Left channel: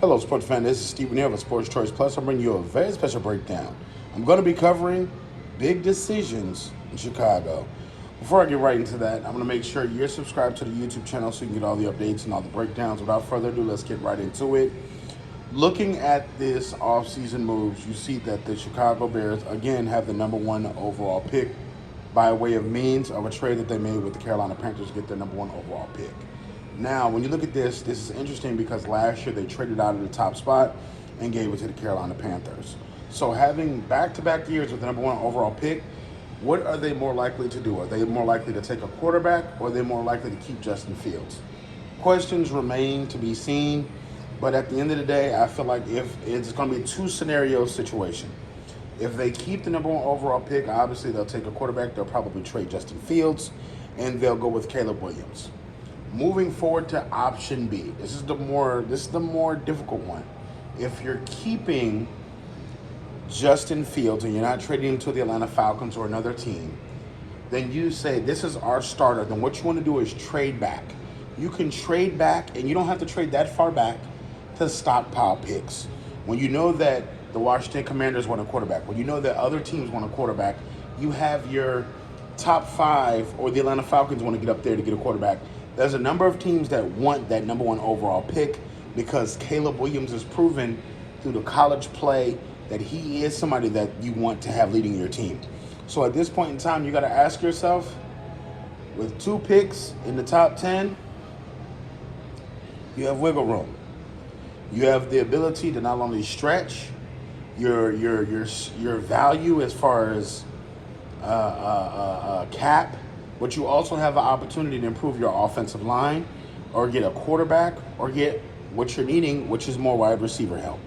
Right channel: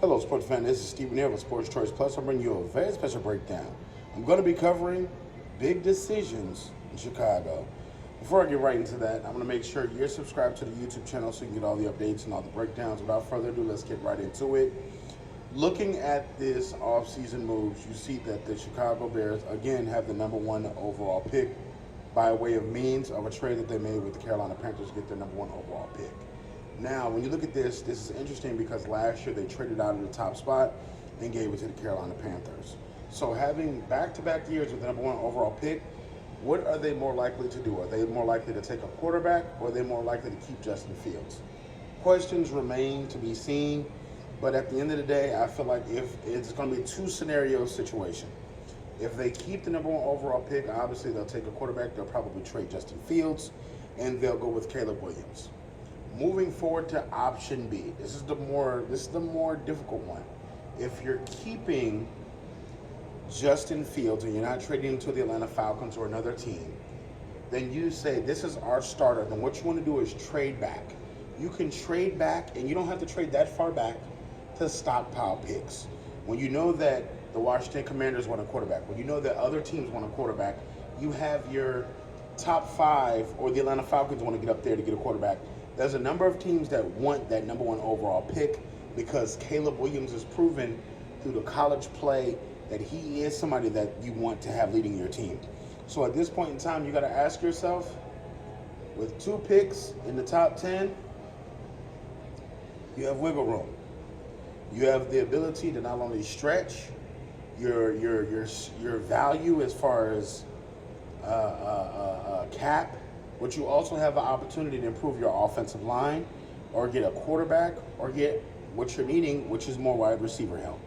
Hello, sports fan. This is Stephen here of Sports Choice Plus. I'm bringing you a very special breakdown. I'm going to be covering big decisions in Chicago. Before I get right into that, I'm going to make sure you're subscribed to the YouTube channel so you can get all the updates and all the breakdowns. Without further ado, let's get right into it. Looking at this offseason moves, you see that the Chicago Bears again have the #1 overall pick by way of means of a trade that they made with the Carolina Panthers to get their #1 overall pick. Now, when you look at this is interesting because last year they traded out of the top spot and gave it to the Carolina Panthers. So having back-to-back years with the #1 overall pick, what are they more likely to do? Are they more likely to take a quarterback, or are they more likely to keep Justin Fields? Questions remain to be seen, but at the end of the day, I feel like if it's going to be a two-scenario situation. If they keep the #1 overall pick, obviously they'll take a quarterback. They'll probably trade Justin Fields, and they'll go with Caleb Williams. Moving forward to option B, this is the more difficult one. If you're keeping Justin Fields and you're not trading him to the Atlanta Falcons or another team, then you say this is our starter. Then what you want to do is trade back. You can trade back, and you don't have to trade that far back to stockpile picks. When you know that the Washington Commanders want a quarterback, when you know that other teams want a quarterback, you have your top 5 or the Atlanta Falcons want to get up there to get a quarterback. There's a number of teams that want that #1 overall pick because Caleb Williams has proven through the college play that he is somebody that you want to have leading your team. So at this point in time, you got to ask yourself, with 2 picks in the top 10, you have wiggle room. You have the ability to not only stretch your value as far as cap, but you also have the opportunity to improve your offensive line or get a quarterback or get what you're needing, which is more wide receiver help.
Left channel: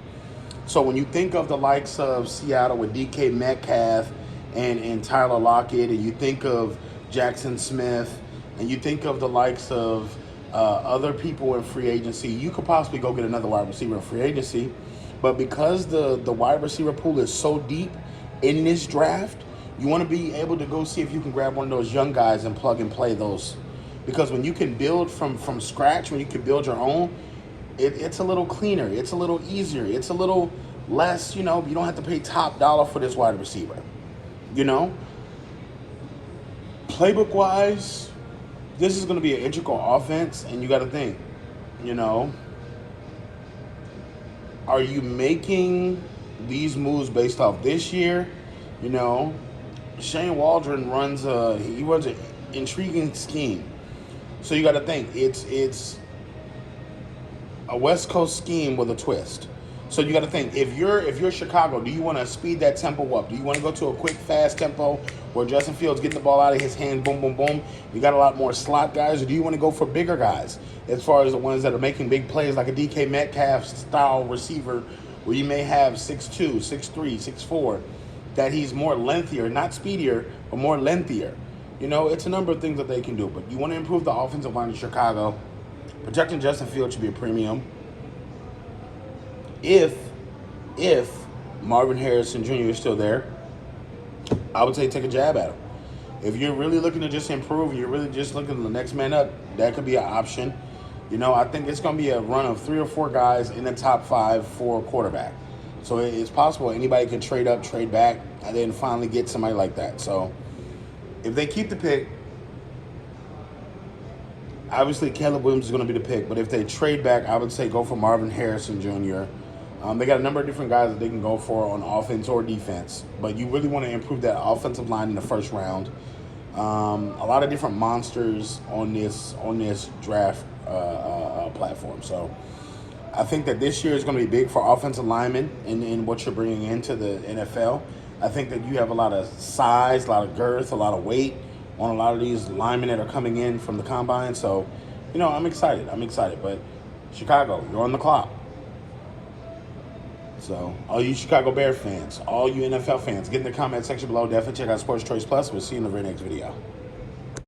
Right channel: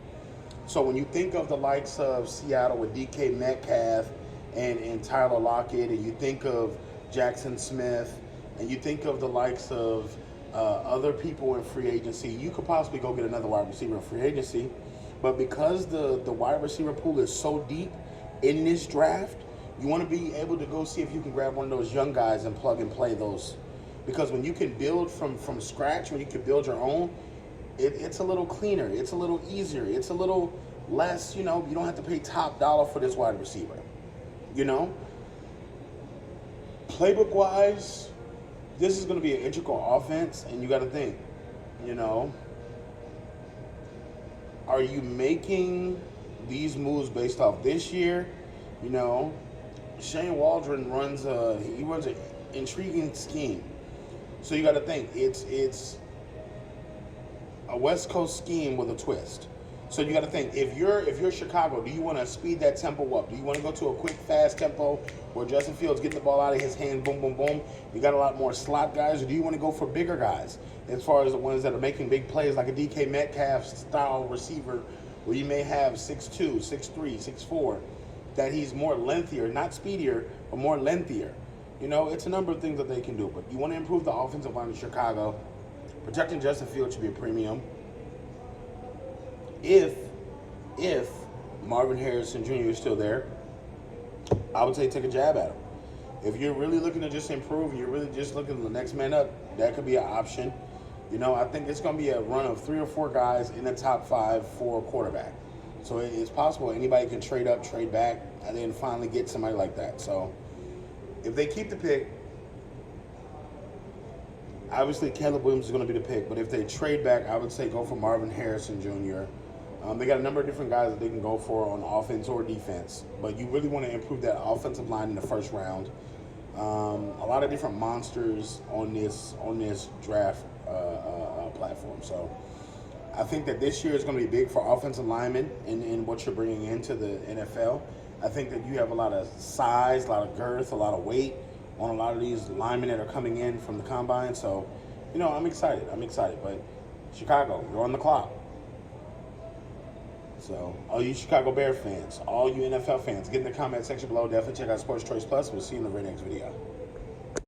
So when you think of the likes of Seattle with DK Metcalf and Tyler Lockett, and you think of Jackson Smith, and you think of the likes of other people in free agency, you could possibly go get another wide receiver in free agency. But because the wide receiver pool is so deep in this draft, you want to be able to go see if you can grab one of those young guys and plug and play those. Because when you can build from scratch, when you can build your own, it's a little cleaner. It's a little easier. It's a little less, you don't have to pay top dollar for this wide receiver. Playbook-wise, this is going to be an integral offense, and you got to think, are you making these moves based off this year? Shane Waldron runs an intriguing scheme. So you got to think it's a West Coast scheme with a twist. So you got to think, if you're Chicago, do you want to speed that tempo up? Do you want to go to a quick, fast tempo where Justin Fields getting the ball out of his hand, boom, boom, boom? You got a lot more slot guys, or do you want to go for bigger guys as far as the ones that are making big plays like a DK Metcalf style receiver where you may have 6'2", 6'3", 6'4", that he's more lengthier, not speedier, but more lengthier. It's a number of things that they can do, but you want to improve the offensive line in Chicago. Protecting Justin Fields should be a premium. If Marvin Harrison Jr. is still there, I would say take a jab at him. If you're really looking to just improve and you're really just looking to the next man up, that could be an option. I think it's going to be a run of 3 or 4 guys in the top 5 for a quarterback. So it's possible anybody can trade up, trade back, and then finally get somebody like that. So if they keep the pick, obviously Caleb Williams is going to be the pick. But if they trade back, I would say go for Marvin Harrison Jr. They got a number of different guys that they can go for on offense or defense. But you really want to improve that offensive line in the first round. A lot of different monsters on this draft platform. So I think that this year is going to be big for offensive linemen in what you're bringing into the NFL. I think that you have a lot of size, a lot of girth, a lot of weight on a lot of these linemen that are coming in from the combine. So, I'm excited. But Chicago, you're on the clock. So, all you Chicago Bears fans, all you NFL fans, get in the comment section below. Definitely check out Sports Choice Plus. We'll see you in the very next video.